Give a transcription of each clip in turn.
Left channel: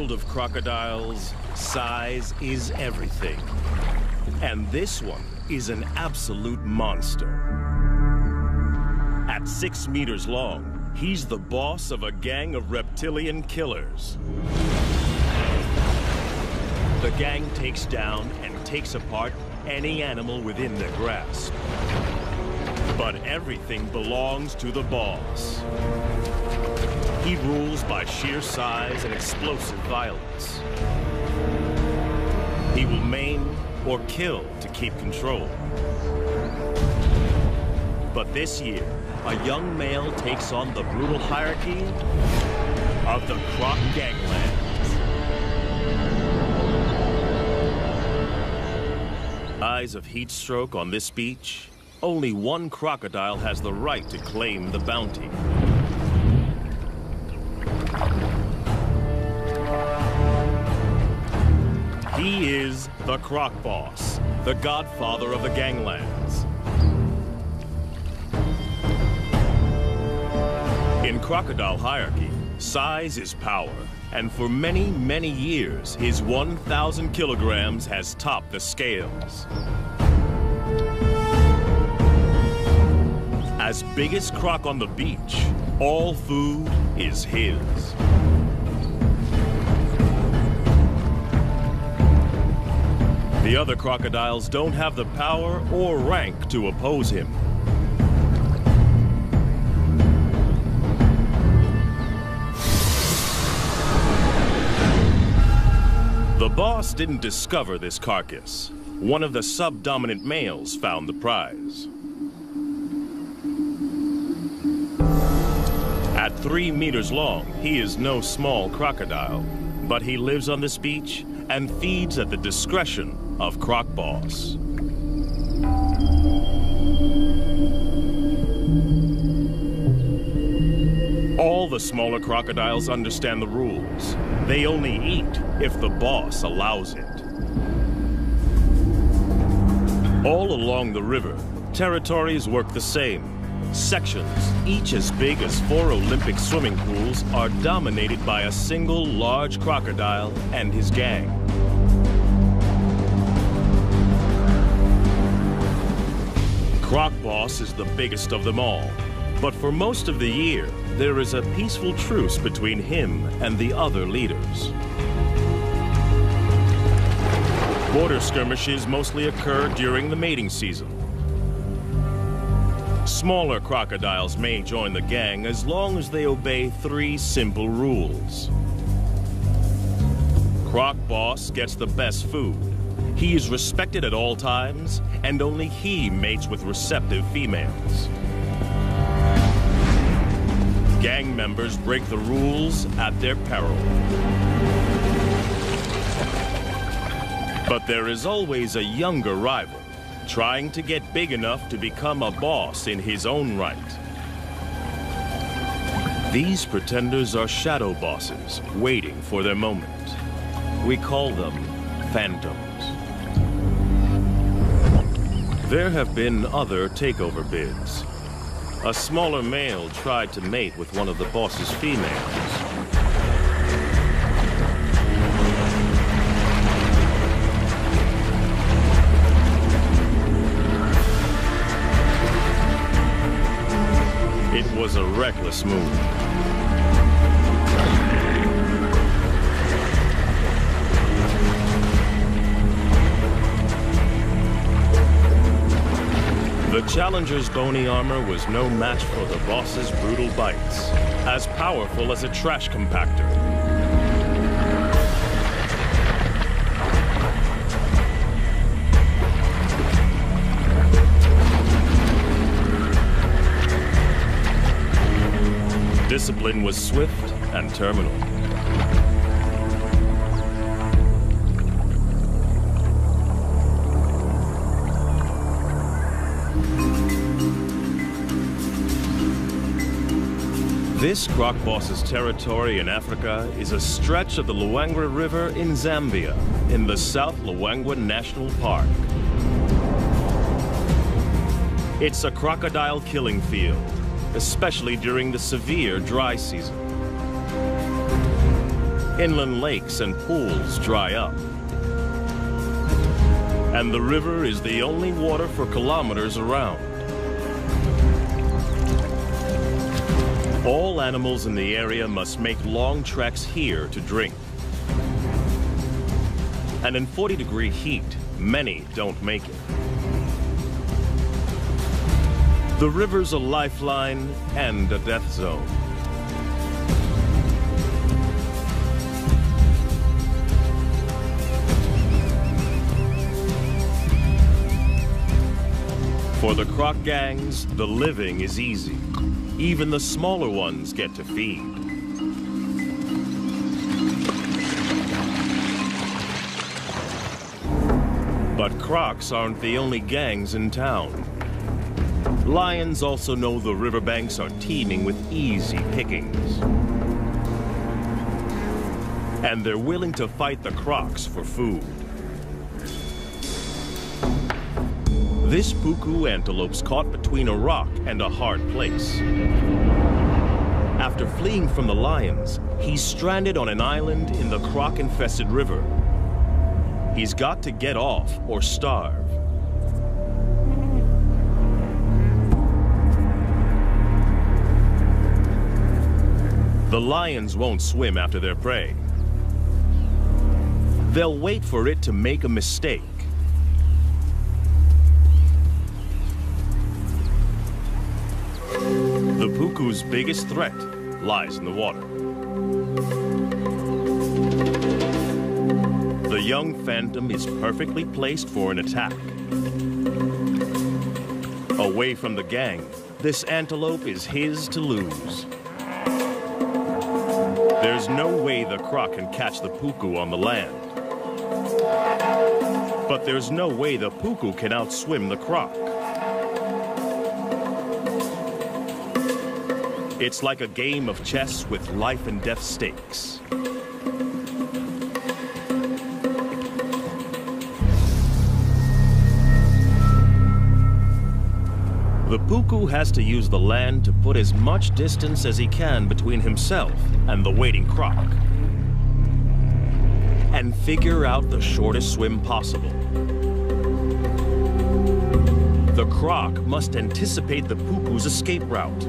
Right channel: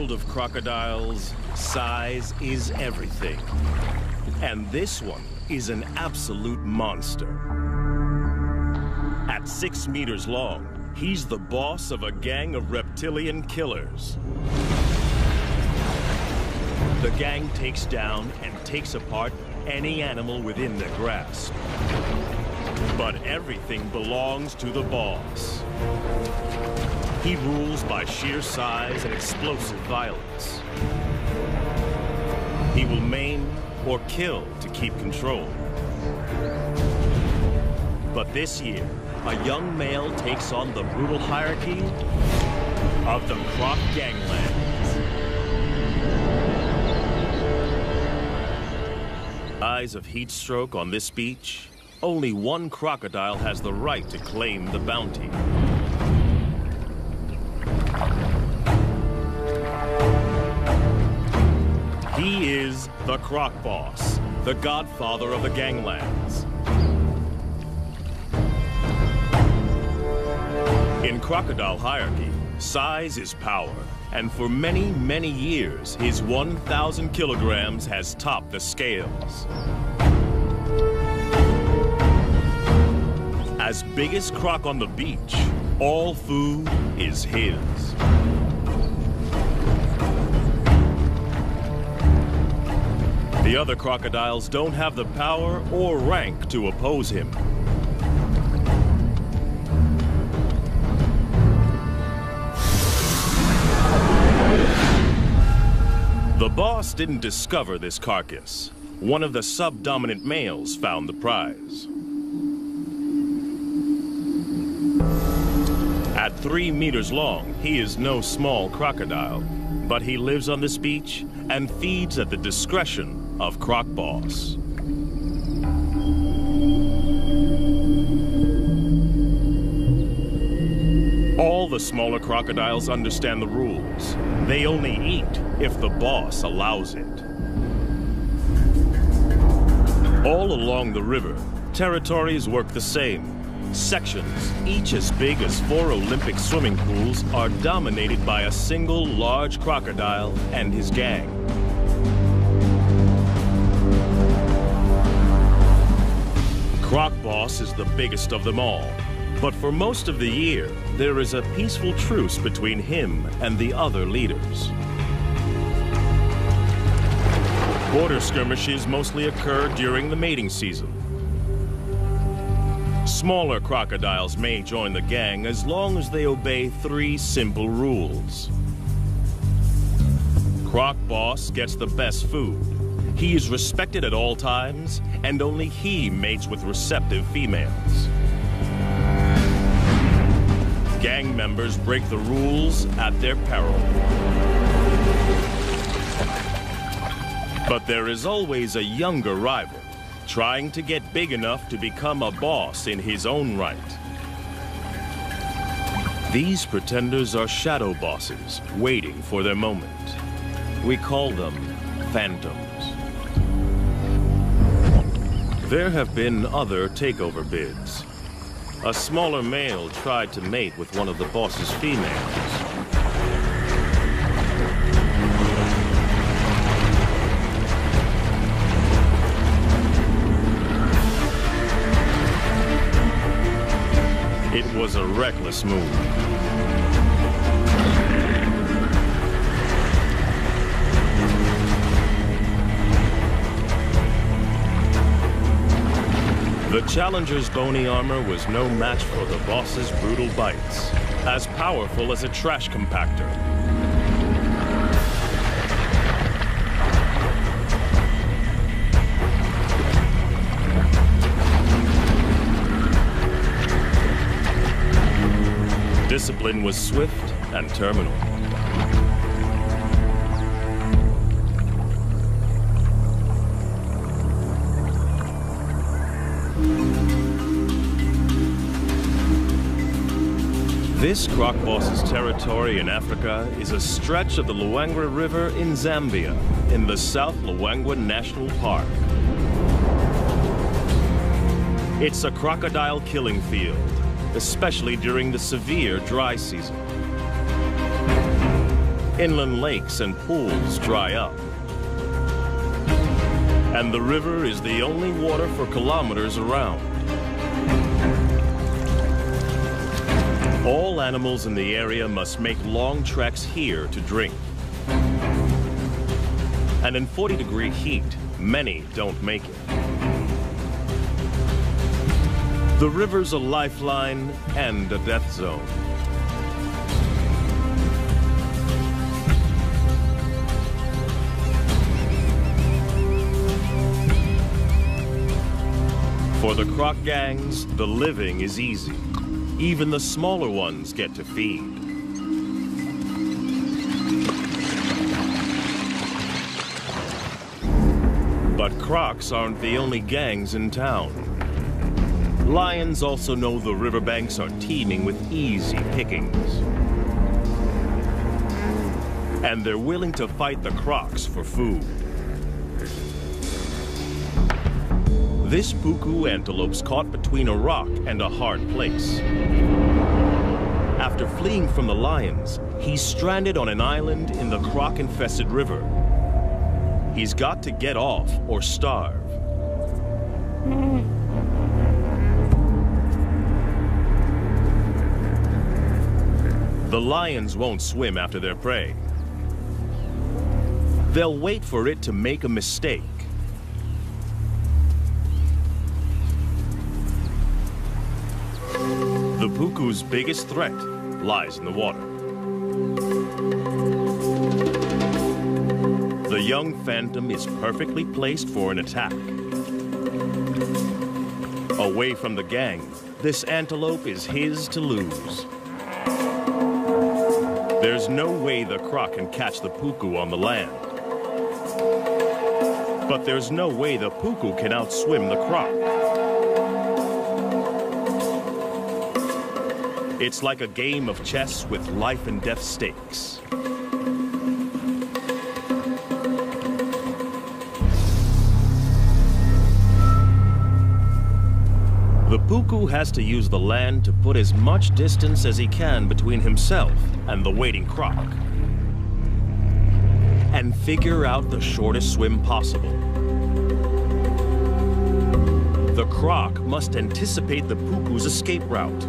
Of crocodiles, size is everything. And this one is an absolute monster. At 6 meters long, he's the boss of a gang of reptilian killers. The gang takes down and takes apart any animal within their grasp. But everything belongs to the boss. He rules by sheer size and explosive violence. He will maim or kill to keep control. But this year, a young male takes on the brutal hierarchy of the Croc Ganglands. Eyes of heat stroke on this beach, only one crocodile has the right to claim the bounty. He is the Croc Boss, the godfather of the ganglands. In crocodile hierarchy, size is power, and for many, many years, his 1,000 kilograms has topped the scales. As biggest croc on the beach, all food is his. The other crocodiles don't have the power or rank to oppose him. The boss didn't discover this carcass. One of the subdominant males found the prize. At 3 meters long, he is no small crocodile, but he lives on this beach and feeds at the discretion of Croc Boss. All the smaller crocodiles understand the rules. They only eat if the boss allows it. All along the river, territories work the same. Sections, each as big as 4 Olympic swimming pools, are dominated by a single large crocodile and his gang. Croc Boss is the biggest of them all, but for most of the year, there is a peaceful truce between him and the other leaders. Border skirmishes mostly occur during the mating season. Smaller crocodiles may join the gang as long as they obey 3 simple rules. Croc Boss gets the best food. He is respected at all times, and only he mates with receptive females. Gang members break the rules at their peril. But there is always a younger rival, trying to get big enough to become a boss in his own right. These pretenders are shadow bosses, waiting for their moment. We call them phantoms. There have been other takeover bids. A smaller male tried to mate with one of the boss's females. It was a reckless move. The challenger's bony armor was no match for the boss's brutal bites, as powerful as a trash compactor. Discipline was swift and terminal. This Croc Boss's territory in Africa is a stretch of the Luangwa River in Zambia, in the South Luangwa National Park. It's a crocodile killing field, especially during the severe dry season. Inland lakes and pools dry up. And the river is the only water for kilometers around. All animals in the area must make long treks here to drink. And in 40-degree heat, many don't make it. The river's a lifeline and a death zone. For the croc gangs, the living is easy. Even the smaller ones get to feed. But crocs aren't the only gangs in town. Lions also know the riverbanks are teeming with easy pickings. And they're willing to fight the crocs for food. This puku antelope's caught between a rock and a hard place. After fleeing from the lions, he's stranded on an island in the croc-infested river. He's got to get off or starve. The lions won't swim after their prey. They'll wait for it to make a mistake. The puku's biggest threat lies in the water. The young phantom is perfectly placed for an attack. Away from the gang, this antelope is his to lose. There's no way the croc can catch the puku on the land. But there's no way the puku can outswim the croc. It's like a game of chess with life and death stakes. The puku has to use the land to put as much distance as he can between himself and the waiting croc, and figure out the shortest swim possible. The croc must anticipate the puku's escape route.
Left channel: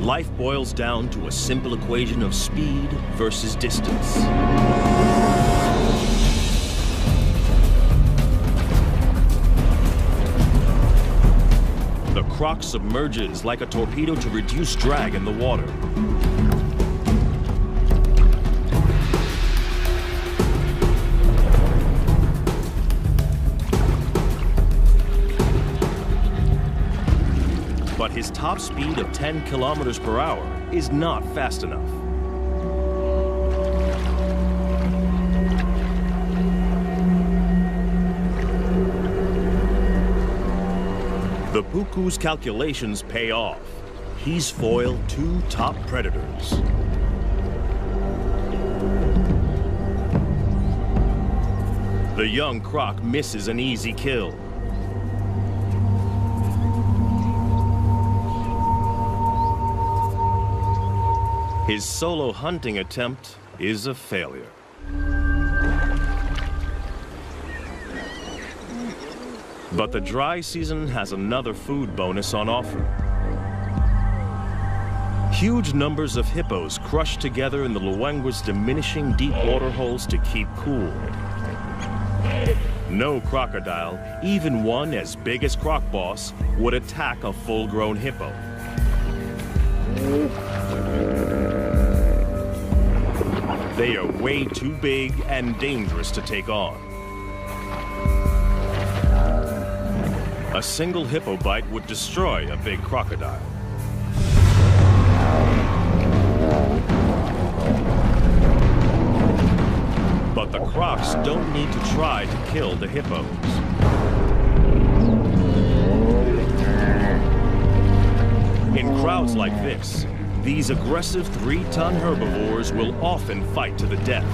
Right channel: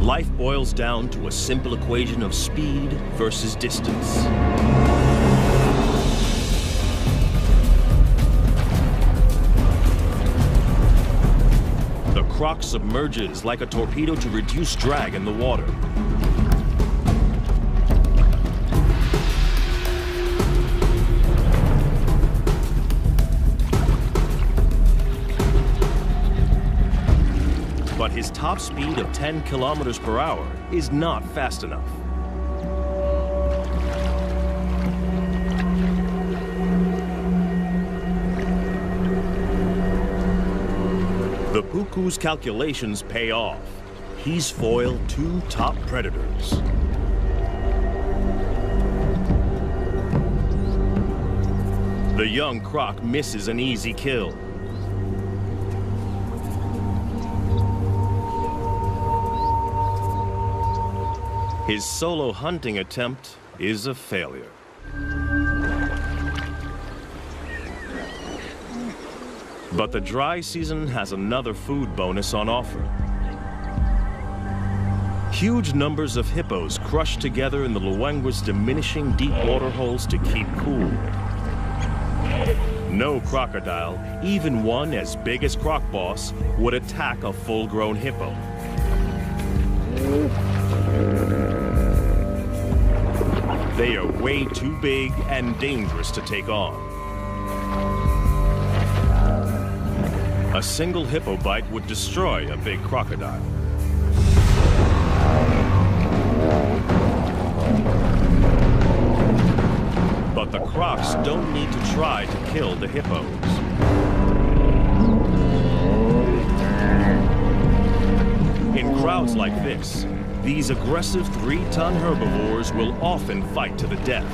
Life boils down to a simple equation of speed versus distance. The croc submerges like a torpedo to reduce drag in the water. But his top speed of 10 kilometers per hour is not fast enough. The puku's calculations pay off. He's foiled two top predators. The young croc misses an easy kill. His solo hunting attempt is a failure. But the dry season has another food bonus on offer. Huge numbers of hippos crush together in the Luangwa's diminishing deep water holes to keep cool. No crocodile, even one as big as Croc Boss, would attack a full-grown hippo. They are way too big and dangerous to take on. A single hippo bite would destroy a big crocodile. But the crocs don't need to try to kill the hippos. In crowds like this, these aggressive 3-ton herbivores will often fight to the death.